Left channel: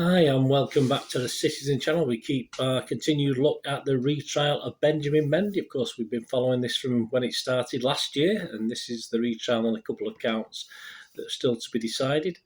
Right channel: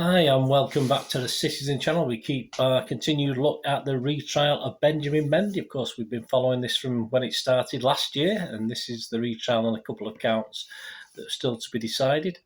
Hi, and welcome back to the Citizen channel. We keep continued look at the retrial of Benjamin Mendy. Of course, we've been following this from when it started last year, and this is the retrial on a couple of counts that are still to be decided.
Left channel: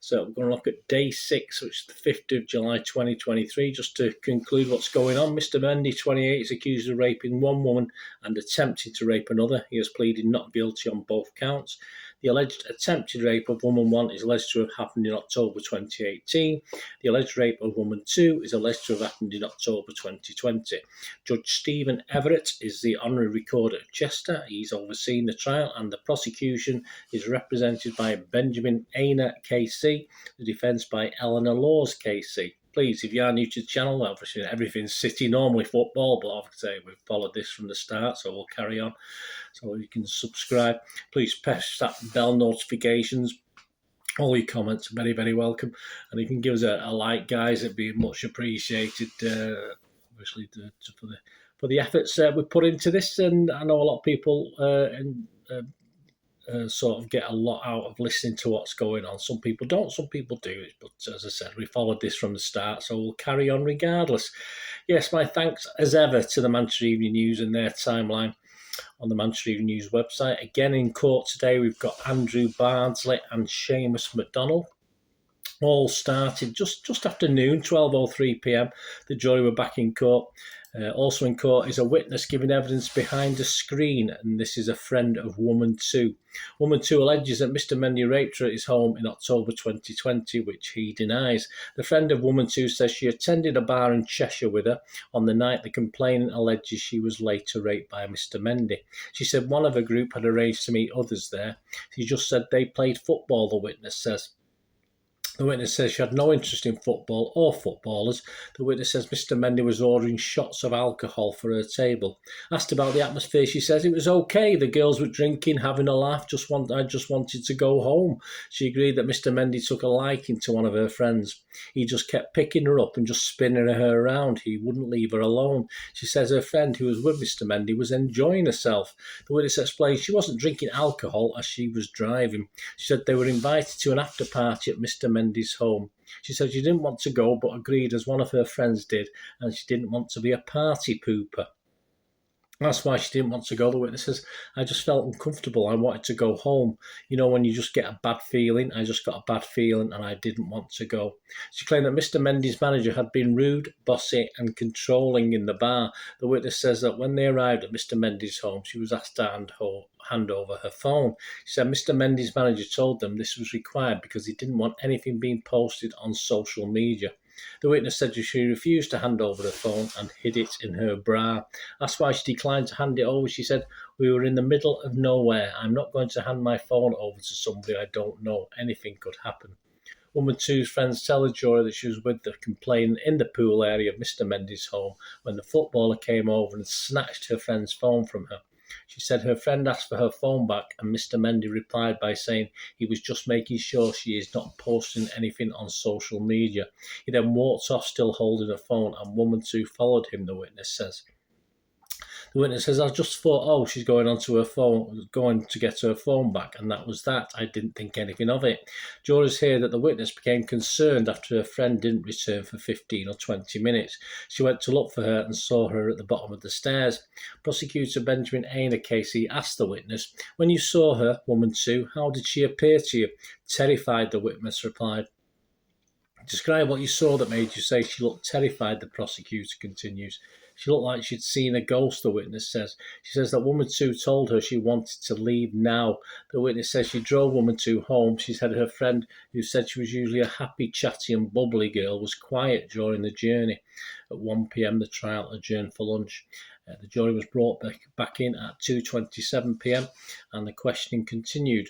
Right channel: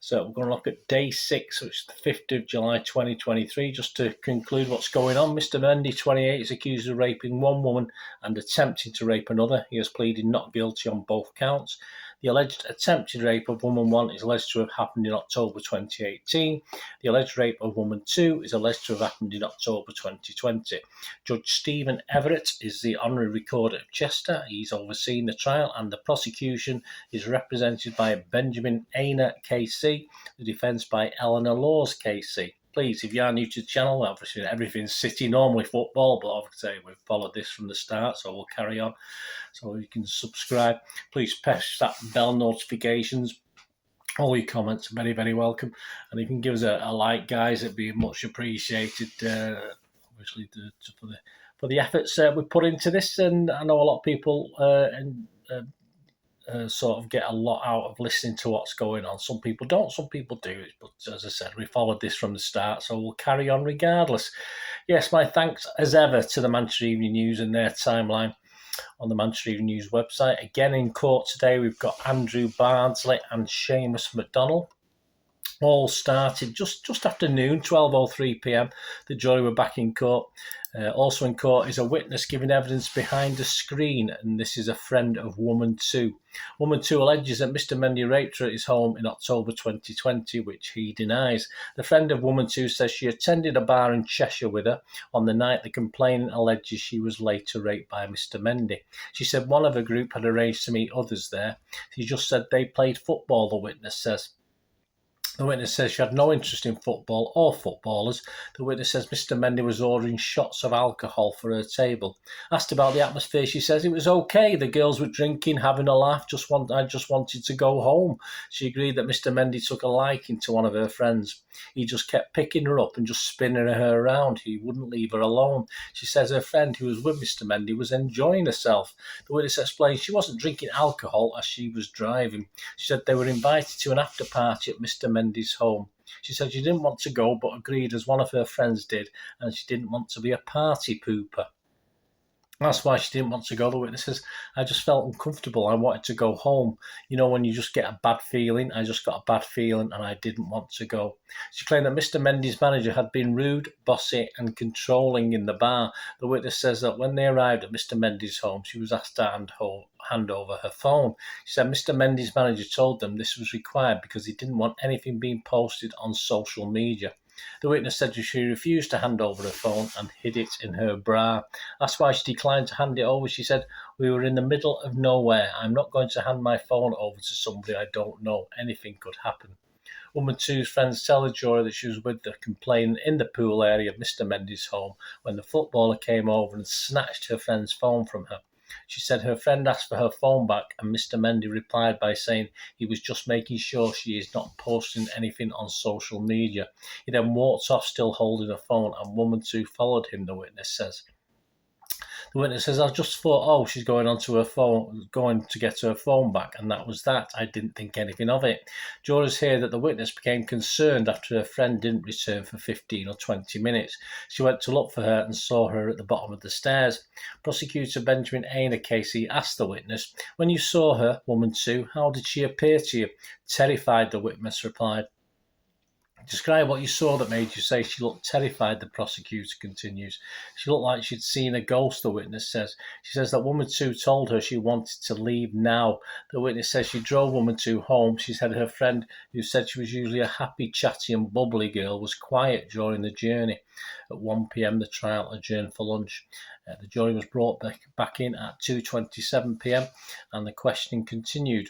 So we're going to look at day 6, which is the 5th of July 2023. Just to conclude what's going on, Mr. Mendy, 28, is accused of raping one woman and attempting to rape another. He has pleaded not guilty on both counts. The alleged attempted rape of woman 1 is alleged to have happened in October 2018. The alleged rape of woman 2 is alleged to have happened in October 2020. Judge Stephen Everett is the honorary recorder of Chester. He's overseen the trial, and the prosecution is represented by Benjamin Aina KC, the defence by Eleanor Laws KC. Please, if you are new to the channel, obviously everything's City, normally football, but obviously we've followed this from the start, so we'll carry on. So you can subscribe. Please press that bell notifications. All your comments are very, very welcome. And you can give us a like, guys. It'd be much appreciated, obviously, for the efforts we put into this. And I know a lot of people sort of get a lot out of listening to what's going on. Some people don't, some people do. But as I said, we followed this from the start, so we'll carry on regardless. Yes, my thanks as ever to the Manchester Evening News and their timeline on the Manchester Evening News website. Again, in court today, we've got Andrew Bardsley and Seamus McDonald. All started just after noon, 12:03 p.m. The jury were back in court. Also in court is a witness giving evidence behind a screen, and this is a friend of woman 2. Woman 2 alleges that Mr. Mendy raped her at his home in October 2020, which he denies. The friend of woman 2 says she attended a bar in Cheshire with her on the night the complainant alleges she was later raped by Mr. Mendy. She said one of her group had arranged to meet others there. She just said they played football, the witness says. The witness says she had no interest in football or footballers. The witness says Mr. Mendy was ordering shots of alcohol for her table. Asked about the atmosphere, she says it was okay. The girls were drinking, having a laugh. I just wanted to go home. She agreed that Mr. Mendy took a liking to one of her friends. He just kept picking her up and just spinning her around. He wouldn't leave her alone. She says her friend who was with Mr. Mendy was enjoying herself. The witness explained she wasn't drinking alcohol as she was driving. She said they were invited to an after party at Mr. Mendy's home. She said she didn't want to go but agreed as one of her friends did, and she didn't want to be a party pooper. That's why she didn't want to go. The witness says, I just felt uncomfortable. I wanted to go home. You know, when you just get a bad feeling, I just got a bad feeling and I didn't want to go. She claimed that Mr. Mendy's manager had been rude, bossy and controlling in the bar. The witness says that when they arrived at Mr. Mendy's home, she was asked to hand over her phone. She said Mr. Mendy's manager told them this was required because he didn't want anything being posted on social media. The witness said she refused to hand over her phone and hid it in her bra. That's why she declined to hand it over. She said, we were in the middle of nowhere. I'm not going to hand my phone over to somebody I don't know. Anything could happen. Woman 2's friends tell the jury that she was with the complainant in the pool area of Mr. Mendy's home when the footballer came over and snatched her friend's phone from her. She said her friend asked for her phone back and Mr. Mendy replied by saying he was just making sure she is not posting anything on social media. He then walked off still holding her phone and woman 2 followed him, the witness says. The witness says, I just thought, she's going onto her phone, going to get her phone back, and that was that. I didn't think anything of it. Jurors hear that the witness became concerned after her friend didn't return for 15 or 20 minutes. She went to look for her and saw her at the bottom of the stairs. Prosecutor Benjamin Aina Casey asked the witness, when you saw her, woman 2, how did she appear to you? Terrified, the witness replied. Describe what you saw that made you say she looked terrified, the prosecutor continues. She looked like she'd seen a ghost, the witness says. She says that woman 2 told her she wanted to leave now. The witness says she drove woman 2 home. She said her friend, who said she was usually a happy, chatty and bubbly girl, was quiet during the journey. At 1 p.m, the trial adjourned for lunch. The jury was brought back in at 2:27 p.m, and the questioning continued.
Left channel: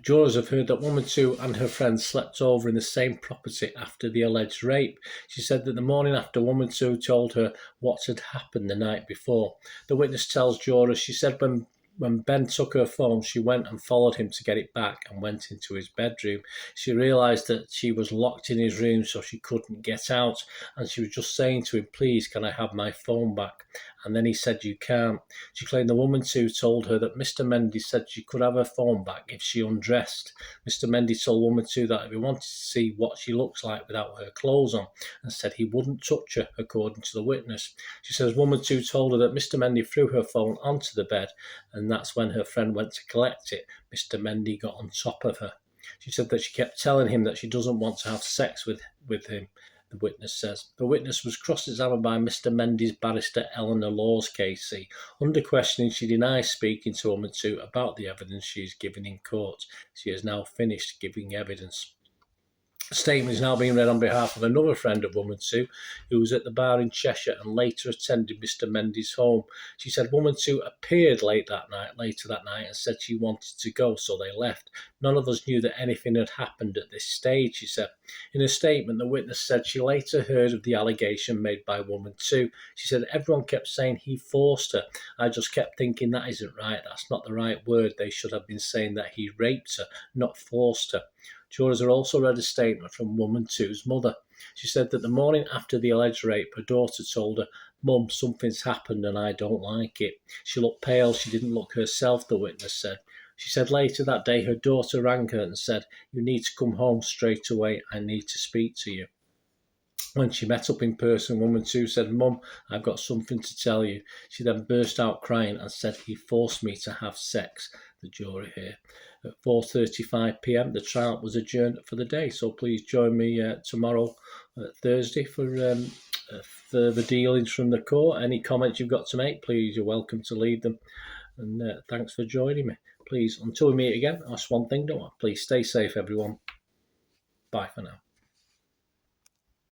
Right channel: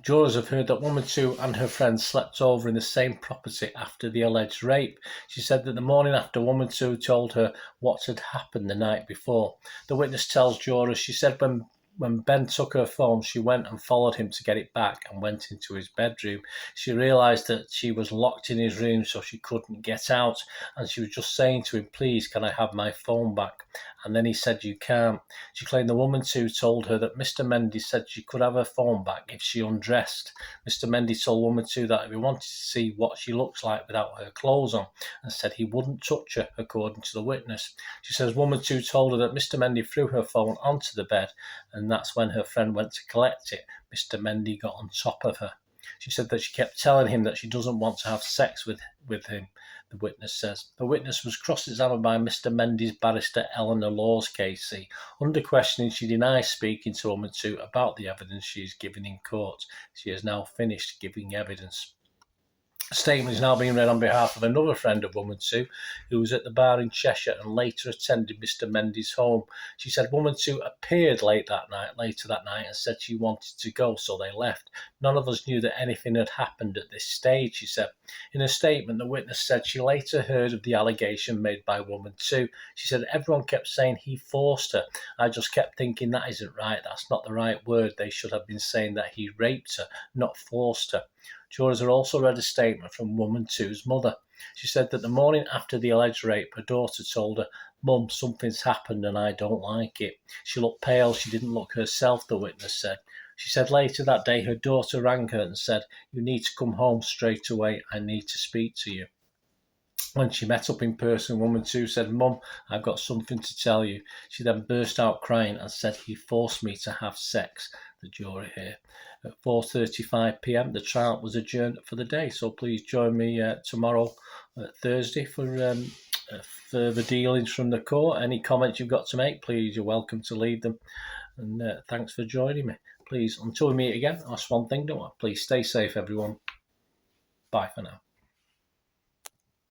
Jurors have heard that woman 2 and her friends slept over in the same property after the alleged rape. She said that the morning after, woman 2 told her what had happened the night before. The witness tells jurors she said when Ben took her phone, she went and followed him to get it back and went into his bedroom. She realised that she was locked in his room so she couldn't get out, and she was just saying to him, please, can I have my phone back? and then he said you can't. She claimed the woman too told her that Mr. Mendy said she could have her phone back if she undressed. Mr. Mendy told woman too that if he wanted to see what she looks like without her clothes on, and said he wouldn't touch her, according to the witness. She says woman too told her that Mr. Mendy threw her phone onto the bed, and that's when her friend went to collect it. Mr. Mendy got on top of her. She said that she kept telling him that she doesn't want to have sex with him, the witness says. The witness was cross-examined by Mr. Mendy's barrister Eleanor Laws KC. Under questioning, she denies speaking to woman 2 about the evidence she is giving in court. She has now finished giving evidence. A statement is now being read on behalf of another friend of woman 2 who was at the bar in Cheshire and later attended Mr. Mendy's home. She said woman 2 appeared later that night and said she wanted to go, so they left. None of us knew that anything had happened at this stage, she said. In a statement, the witness said she later heard of the allegation made by woman 2. She said everyone kept saying he forced her. I just kept thinking that isn't right. That's not the right word. They should have been saying that he raped her, not forced her. Jurors have also read a statement from woman 2's mother. She said that the morning after the alleged rape, her daughter told her, "Mum, something's happened and I don't like it." She looked pale. She didn't look herself, the witness said. She said later that day her daughter rang her and said, "You need to come home straight away. I need to speak to you." When she met up in person, woman 2 said, "Mum, I've got something to tell you." She then burst out crying and said, "He forced me to have sex," the jury here. At 4:35 p.m, the trial was adjourned for the day. So please join me tomorrow, Thursday, for further dealings from the court. Any comments you've got to make, please, you're welcome to leave them. And thanks for joining me. Please, until we meet again, ask one thing, don't I? Please stay safe, everyone. Bye for now.